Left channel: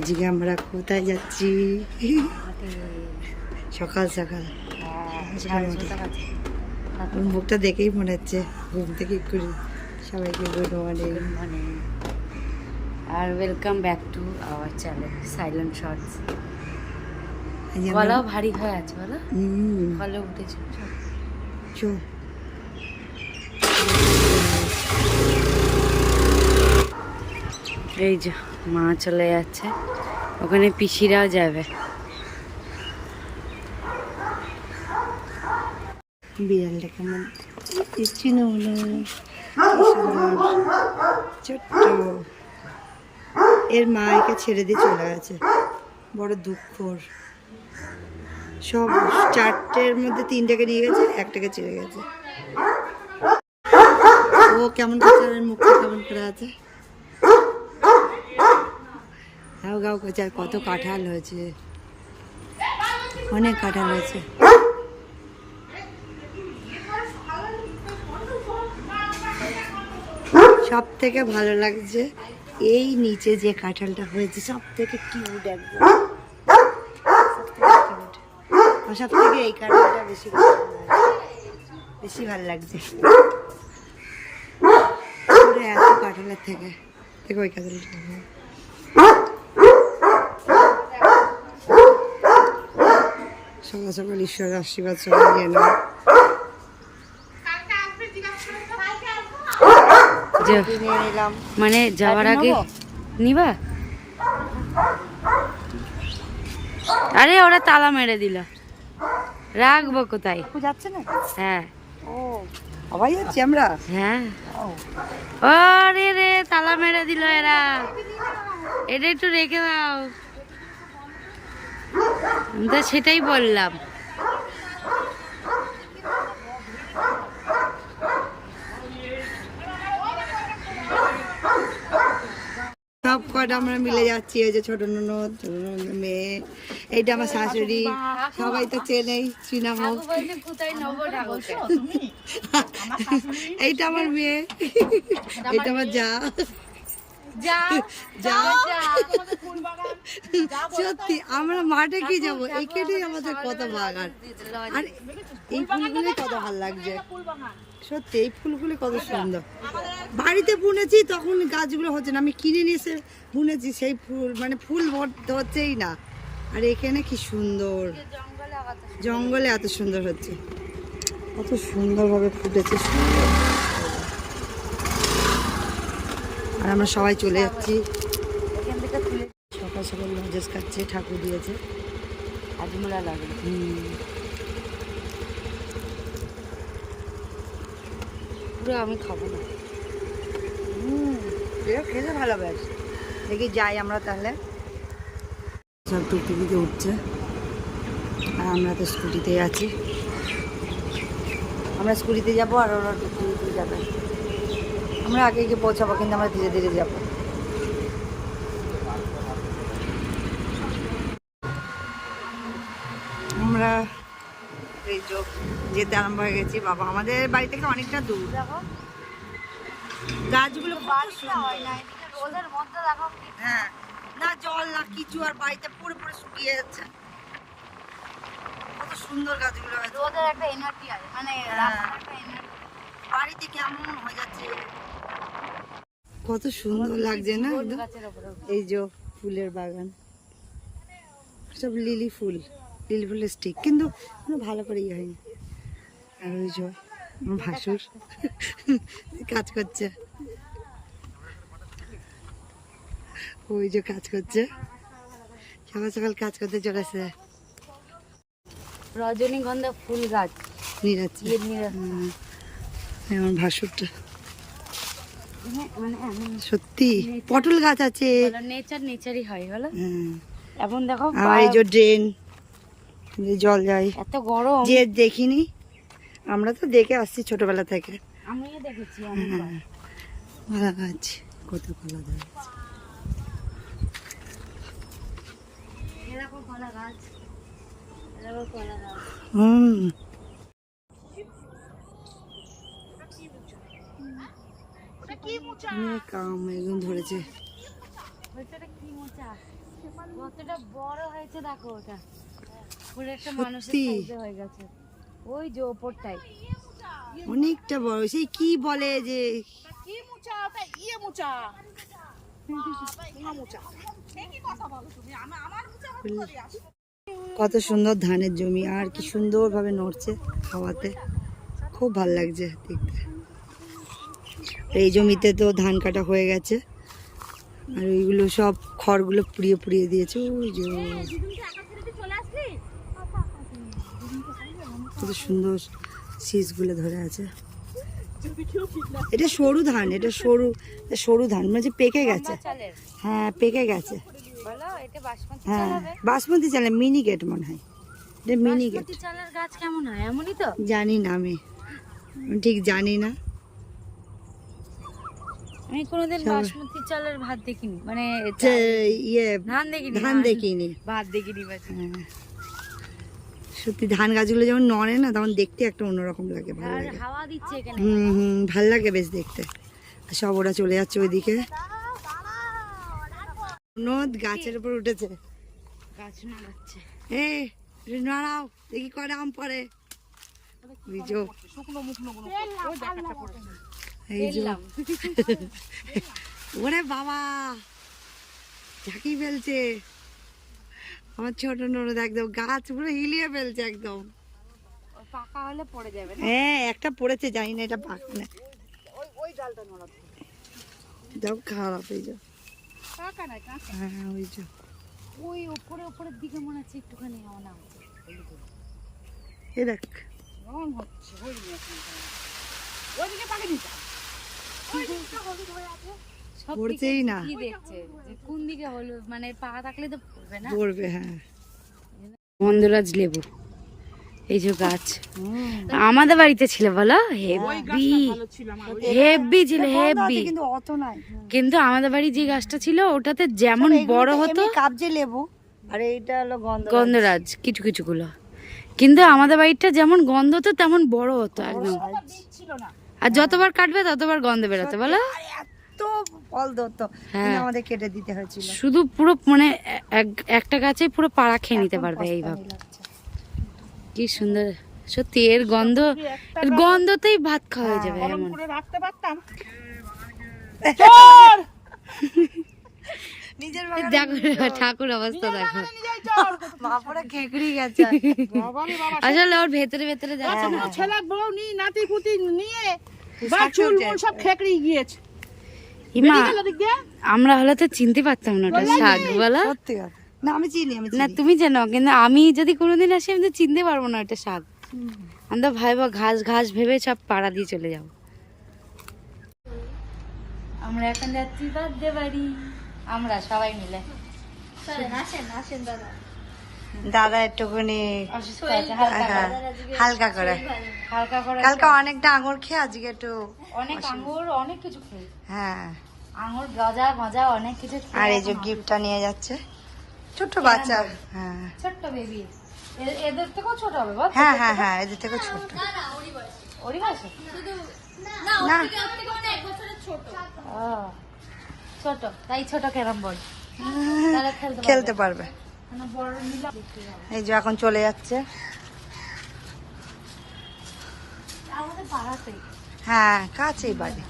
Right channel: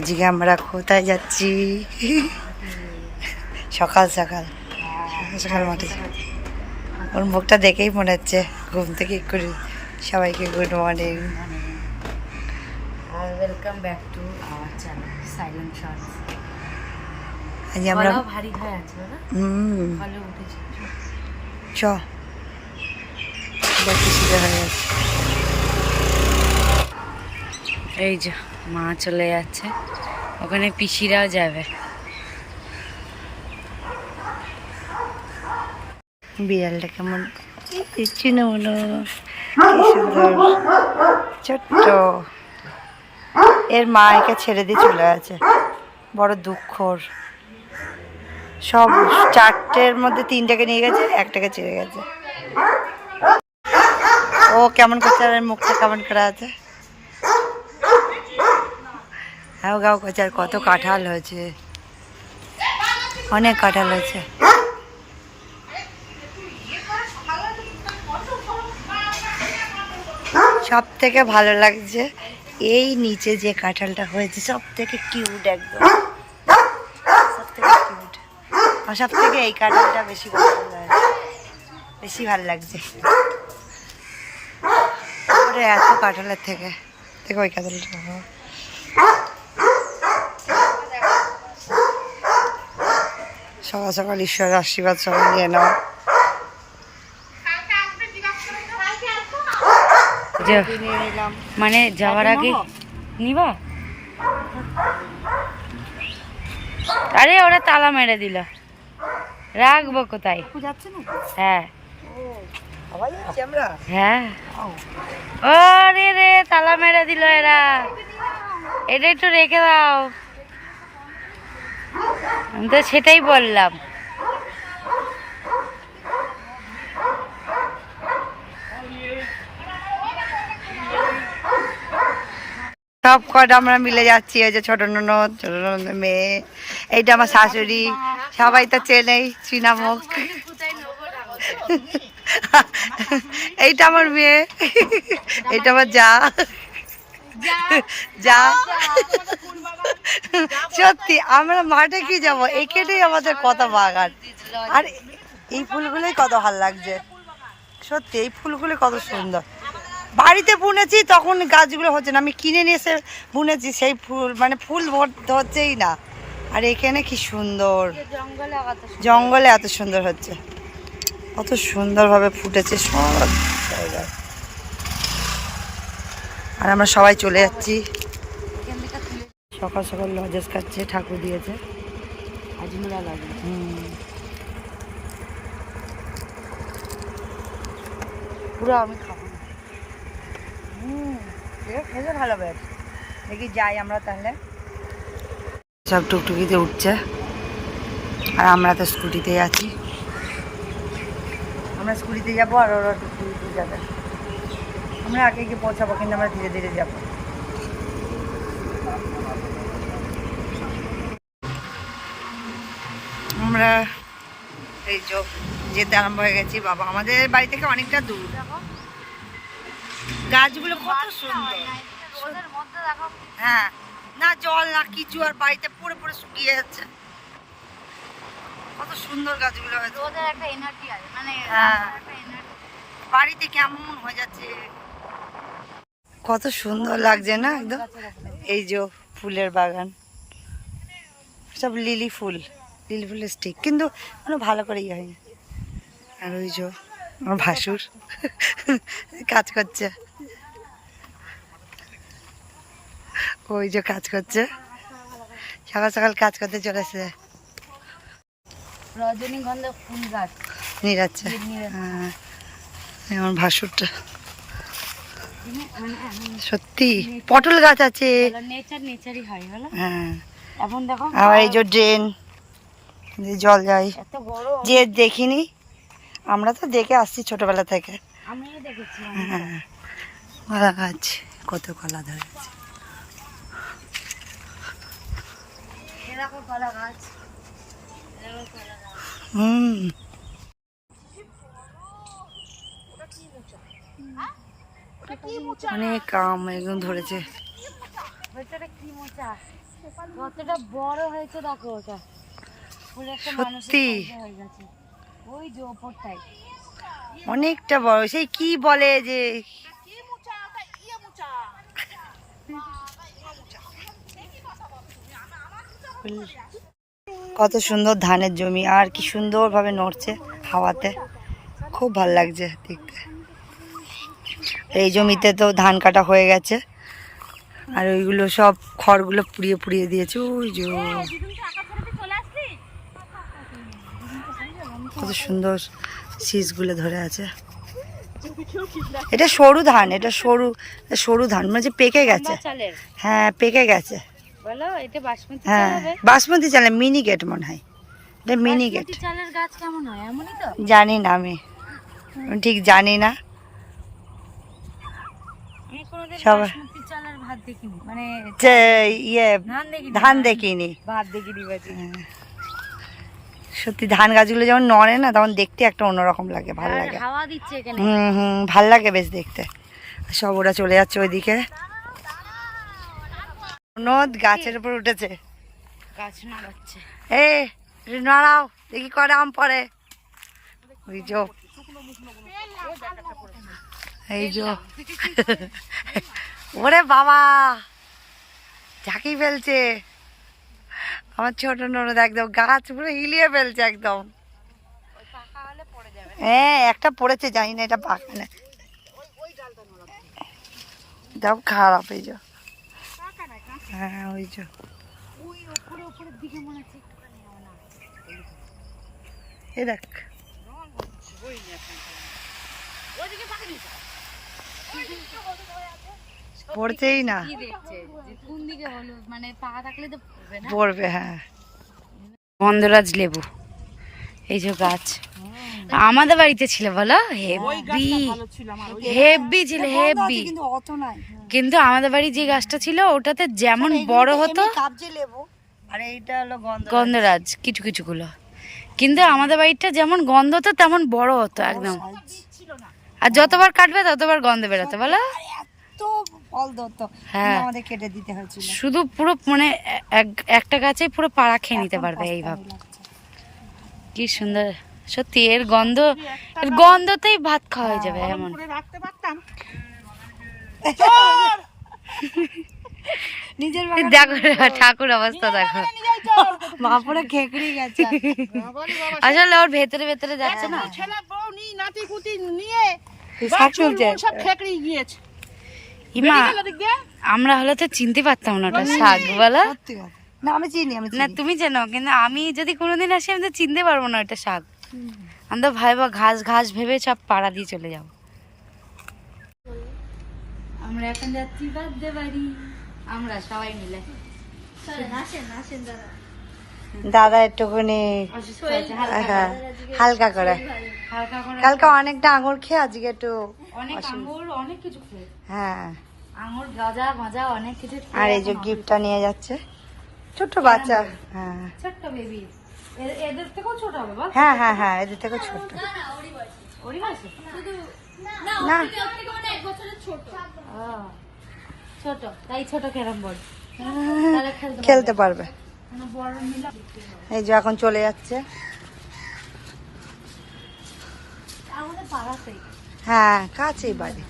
আজকে আমরা কোথায় যাচ্ছি? সকাল সকাল সকাল মাঠে। ওর মুখটা দেখেই মনে হচ্ছে ঘুম থেকে করে সবাইকে গুড মর্নিং আর welcome back to our channel silent shorts. আজ আমরা ভারী হয়ে আছে বলো, ভালো উঠেছে। চ হয়ে যাচ্ছে। এই যে মা চলে যাচ্ছে, ওখানে পিসিরাও যাবে। বিড়ালটা কেমন চিনুমুনু, কি সুন্দর ছোট্ট। এর মা একে ছেড়ে দিয়ে চলে গেছে, বড় দুঃখর। সব চারটের মধ্যে তিনটাকে নিয়ে গেছে, একটাকে ছেড়ে গেছে। ও কেমন করছে, আর মুখটা কেমন করা আছে। হ্যাঁ গাও করছে। আর কত কাঁঠাল হয়েছে, অনেক কাঁঠাল হয়েছে। সব থেকে ভালো লাগছে এই নিচে যে কাঁঠালটা হয়েছে, সব থেকে কিউট একদম, সব থেকে কিউট। আর সব থেকে এই কাঁঠালটা বেশি পছন্দ হয়, বেশি ভালো লাগছে। ওরে এত কাঁঠালের থেকে ওই কাঁঠালটা সকাল সকাল ঈশ্বরের আশীর্বাদ সবাই নিয়ে নাও। মানে যাওয়ার আগে নিবা? আরে ওরা তালা মেরে দিল, রাখবো কোথায়? যাচ্ছে না? হ্যাঁ সবাই যাচ্ছি আমরা। হ্যাঁ রে রে তালা মেরে দিল এরা, এটা একটু রেখে দাও। আমি তো সেটাই বললাম। সব কটা আমরা মিলে যাচ্ছি। ওই যে ছোট ননদ, ছোট ননদের মেয়ে, এইটা আমার শাশুড়ি, সবাই তো চেনেই, চিনামুখ। এইটা আমার মেয়ে, এইটা আমার যা যা। সত্যি আমরা মাঠে কি যাবো, এখানেই আমাদের কত বাগান। আর এই ফুলগুলোই কত ভালো লাগছে, সত্যি এই ফুলগুলো কত সুন্দর। বাড়িতে বুনেছি তখন গাছগুলো হচ্ছে না, আমি কিনে নিয়ে এসে বুনেছি সেই ফুল, মানে ফুল ধরছেই না। আর এখানে কি সুন্দর, জঙ্গলে এত সুন্দর হচ্ছে, কত সুন্দরভাবে ফুটেছে সব জায়গায়। আর আমরা সবাই চলে যাচ্ছি। সকাল সকাল লজেস খাচ্ছে, ঠাকুর দিয়েছে, আজমলা লাগে। পুরো আমি খাবো। খেতে ভালো বেশ। দেখি যাই আমরা তাহলে। সব টুকটুকিতে উঠছে আর আমরা তো স্কুটিতে আছি। আমরা স্কুটিতে যাবো আর ওরা টুকটুকিতে যাবে। আমরা আগে গিয়ে পৌঁছাবো, কিন্তু আমরা ধীরে ধীরে যাবো। আমরা এই যেতে আরম্ভ হয়ে গেছি। বাবা আমাদের বাড়ি থেকে অনেকটা দূর। গাছগুলো কত সুন্দর, হ্যাঁ না জল না কিছু, আর বাড়িতে পুরো পুরো শুকিয়ে যাচ্ছে। কত সুন্দর গাছগুলো আছে, হ্যাঁ বাড়িতে কেমন হয়ে যাচ্ছে, কত সুন্দর লাগছে না একদম। এই যে ফুলের বাগান, সব লিলি ফুলের স্টিক, কিন্তু কোনো ভালো করে ইয়ে হয়নি। আর ওই যে আমার ভাসুর কাজ করছে, ওই যে কাজ করছে, সকাল সকাল কাজ করতে চলেছে। রজনীগন্ধা ফুল গাছ নিরাচ্ছে, হ্যাঁ আমার ভাসুরটা। সত্যি পটল গাছ আছে, নেচারই হয় বলো। হ্যাঁ এখন দেখো আবার এই যে ড্রেন, জল যায়, এত গরম যে দেখিনি, আমরা তো দেখে আসছি ছোটবেলা থেকে। আমিও দেখেছি। হ্যাঁ কলা গাছ, কত কলা ধরেছে। অনেক আম একদম ধরেছে। কতটা বড় হয়েছে দেখো ওটা, পুরো একটা মানুষের সত্যি সাইজে হয়ে গেছে। ওই যে ওপরটাই অনেকটা বড়, সেই কি বলে যে কত সুন্দর ধানের জমি, আর কি সুন্দর ভাবে নড়ছে হাওয়াতে, খুব ভালো লাগছে দেখতে। এই জমিতে তো ধান কাটা হয়ে গেছে, আর ওইগুলো সব খড়গুলো পুড়িয়ে পুড়িয়ে দিয়েছে। ওই যে কত সুন্দর শীষগুলো ধরে আছে। এটা সরু ধান, এটা সরু সরু ধান, মানে যে পেকে গেছে। চালের হ্যাঁ পেকে গেছে। বলো এটা বাসমতি হ্যাঁ চাল হবে? বাসমতি চালের মিনি গেট মনে হয়, এটা মিনি গেট। বাসমতি চালের গাছ কেমন হয় এমনই তো? জানি না আমি ঠিক জানি না। আমি কোনোদিন সবাই- বাসমতি চালের ভাত দেখিনি, মানে যে ইয়ে ধান দেখিনি, ধান দেখিনি। ভাত দেখিনি বাজি। হ্যাঁ। সত্যি ধান গাছগুলো যখন নড়ে না তখন দেখতে একটা অন্যরকম লাগে, ভাল লাগে। হাওয়া দিচ্ছে এখানে। ভাল লাগে বেশ দেখতে। আর সব ওরা চলে যাচ্ছে ওইদিকে। নদ গাছের উপর উঠেছে। গাছ নাড়াচ্ছে। এ নাড়াও দেখি কটা আম পড়ে। ওই যো এই যো ওরে বাবা ঝাঁকি ফেলছে আমার ছোট ননদ, একদম গাছ পুরো হিলিয়ে ফেলছে একদম। পাকা হলে পড়ে যাবে। হ্যাঁ একটা পড়েছে, জানি না এটা পাকা না, দাও খারাপ এই যে। পাকা না কাঁচা। হ্যাঁ ওই যে ওই উপরে উপরের দিকে মনে হচ্ছে একটুখানি হাওয়া না আছে। এই দেখ রং হচ্ছে ওই ওইদিকে পাকে দিচ্ছে। পড়ছেই না, কি দেখছে যে কোন দিকে হলো, মানে পাকা থাকলে তো পড়বে না। পড়বে। হ্যাঁ গন্ধরাজ লেবু, এই যে গাছ আমাদের বাড়িতে ছিল বলো, হেভি হেভি ছিল হেভি। কিন্তু অত নাই। কিন্তু আমাদের বাড়ি যে গাছটা ছিল ওটাতে যেমন বড় হতো কাবজি লেবু, আর এইটা হলো গন্ধরাজ কিছু কিছু গুলো, কিন্তু আমাদের বাড়িটা যেমন গন্ধ হতো তেমন বড় হতো একদম। আর যতবার কাটবে ততবার গন্ধ বেরোতো বলো। এত ফল ধরতো, হ্যাঁ। কিন্তু আমাদের কেটে দিতে হয়েছিল। শুধু পুরো মানে একটা গাছে পুরো পাড়া খেয়ে নিতে পারবে এখন এইভাবে। পস্তানি লাগছে। কি সুন্দর সত্যি, এর গন্ধতেই ভাত খাওয়া হয়ে যাবে এমন। নিজের দেখো ঠাকুর অবস্থা দেখো, মা পরে খেকড়ি গেছে। আসলে ওর ভেতরে ভেতরে যাচ্ছে না। ছেলে বউ নিয়ে নাতি পুতি নিয়ে সব চুল চলছে। মুল সব খেকড়ি গিয়েছে। ইমা ওদিক দিয়ে আমরা হলে তো চিনতে পারতাম না ওটা শাক বলা। সত্যি কথা। না আমি চিনি, আমি না চিনি। তুমি জানো, কিন্তু আমি যদি কোনোদিন আসি আমি তো চিনতে পারবো না ওটা শাক। আমি তো ভাইবা ঘাস ঘাস ভেবে সব পাড়া দিয়ে চলে যাবো। আমরা এখন যাচ্ছি বার্থডে বাড়ি, আমরা সবাই মিলে। দাদা একটুখানি অসুস্থ আছে, হালকা হ্যাঁ, হালকা করে। হালকা করে। কালকে অনেকটা আঙুর খেয়ে আজকে একটু অনেক আঙ্গুর অনেক কিছু খেয়ে, হ্যাঁ। আঙুর গাজা মাজা অনেক কিছু খেয়ে আর এই যে এখন গিফটটা নিয়ে যাচ্ছে ছোট বাচ্চা। হ্যাঁ ছোট্ট বেবি, এদের থেকেও ছোট হবে বল। হ্যাঁ হ্যাঁ হ্যাঁ এদের থেকে ছোট। ওরই বয়সে? না ও ছোট, তাই ছোট ক্যারাম বোর্ড তাহলে খেলতে পারবে। মানে বড় মিলে এই যে এখন চলে যাচ্ছে। আমাদের পাড়াতেই হ্যাঁ কাছেই বাড়ি।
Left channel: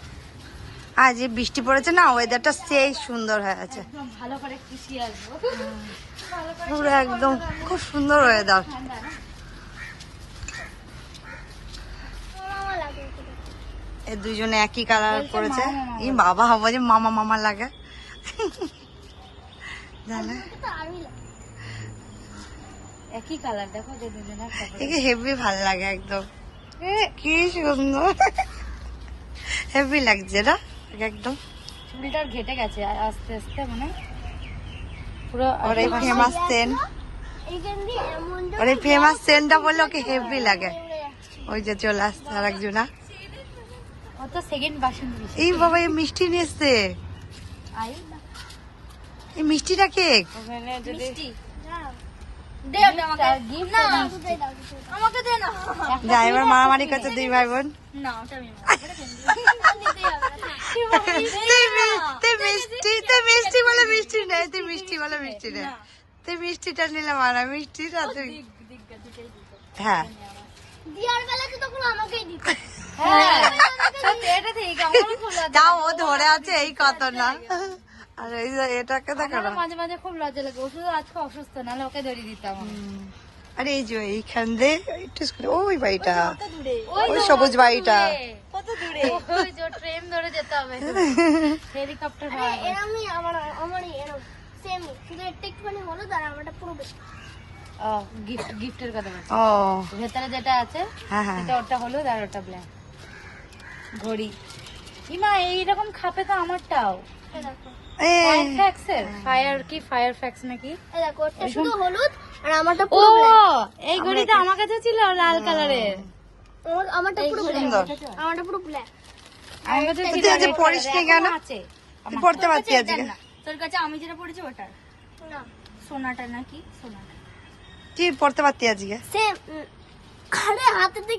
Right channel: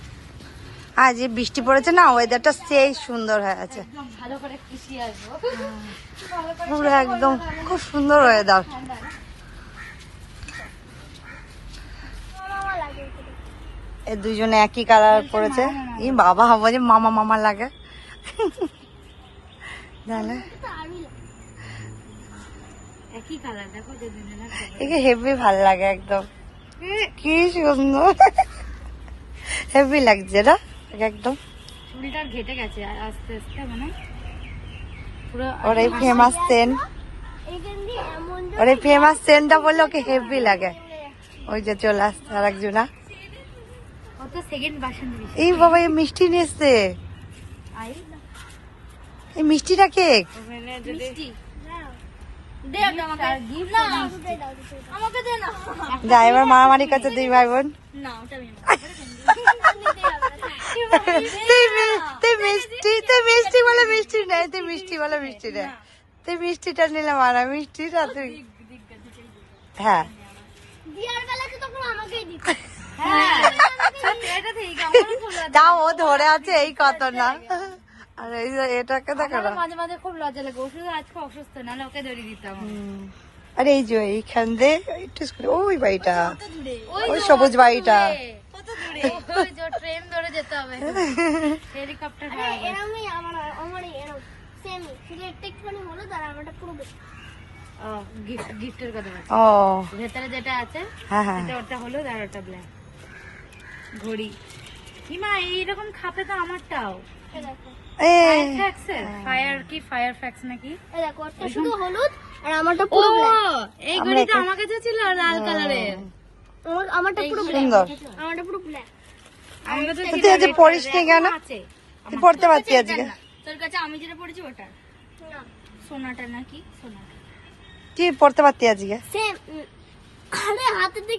আর যে বৃষ্টি পড়েছে না, ওয়েদারটা সেই সুন্দর হয়ে আছে, একদম ভালো করে খুশি আসবো। পুরো একদম খুব সুন্দর ওয়েদার। এই দুজনে একই কালার পরেছে। এই বাবা বলে মামা মামা লাগে। জানে একই কালার দেখো, একে হেভি ভাল লাগে একদম, কি সুন্দর হেভি লাগছে না একদম। চুলটার ঘেটে গেছে আর আস্তে আস্তে মানে পুরো। ওর এই ফেমাস সেন্ট, ওর এই ফেমাস সেন্টটা বললে ওকে হেভি লাগে। ওই যে চলে আসছে আর একজনা। কত সেকেন্ড বাসন্তী এই বাবা এই মিষ্টি নিয়ে এসছে, আই এই মিষ্টিটা কেক। মিষ্টি যা এবার মারামারি করছে দুই ভাই বোন। তুই মিষ্টি বলে মিষ্টি নেই, তুই মিষ্টি বলে মিষ্টি নেই, তুই মিষ্টিটা নিলে মানা মিষ্টিটা তুই। হ্যাঁ তাও ও ধরে আছে এই কথা না। আর এই যে এটাকে দেখো না। মাঝে মাঝে খুব লজ্জা লাগে, ওষুধ আজকে অসুস্থ, নাহলে ওকে ধরিয়ে দিতাম। আরে এই যে এইখান দিয়ে একটু ওই বাড়িটা, ওই সবুজ বাড়িটা। ট্রেন ধরে যেতে হবে, হেলিকপ্টার। ও গিফটের কথা বলছি। ও ভেতরে যেটা আছে হ্যাঁ হ্যাঁ সেটা ওটা হলুদ আর ওটা ব্ল্যাক। ঘড়ি ইমা এইরকম খাপে তো আমারটাও। ফায়ার কি ফায়ার ফ্যাক্স নাকি? শুধু হলুদ আর আমারটা পুরো এই ঘড়িটা আমার কাছে ছিল লাল কালারের। আমারটা পুরো সুন্দর। আমারটা পুরো ব্ল্যাক। তুই আজ পড়িস নি কেন? তুই পড়তে পারছি আজকে। তোর কাছে আমি যেটা পড়েছি ওটা সোনাটা নাকি সোনাটা তুই পড়তে পারতি আজকে? সেম। আরে হাতের দিকে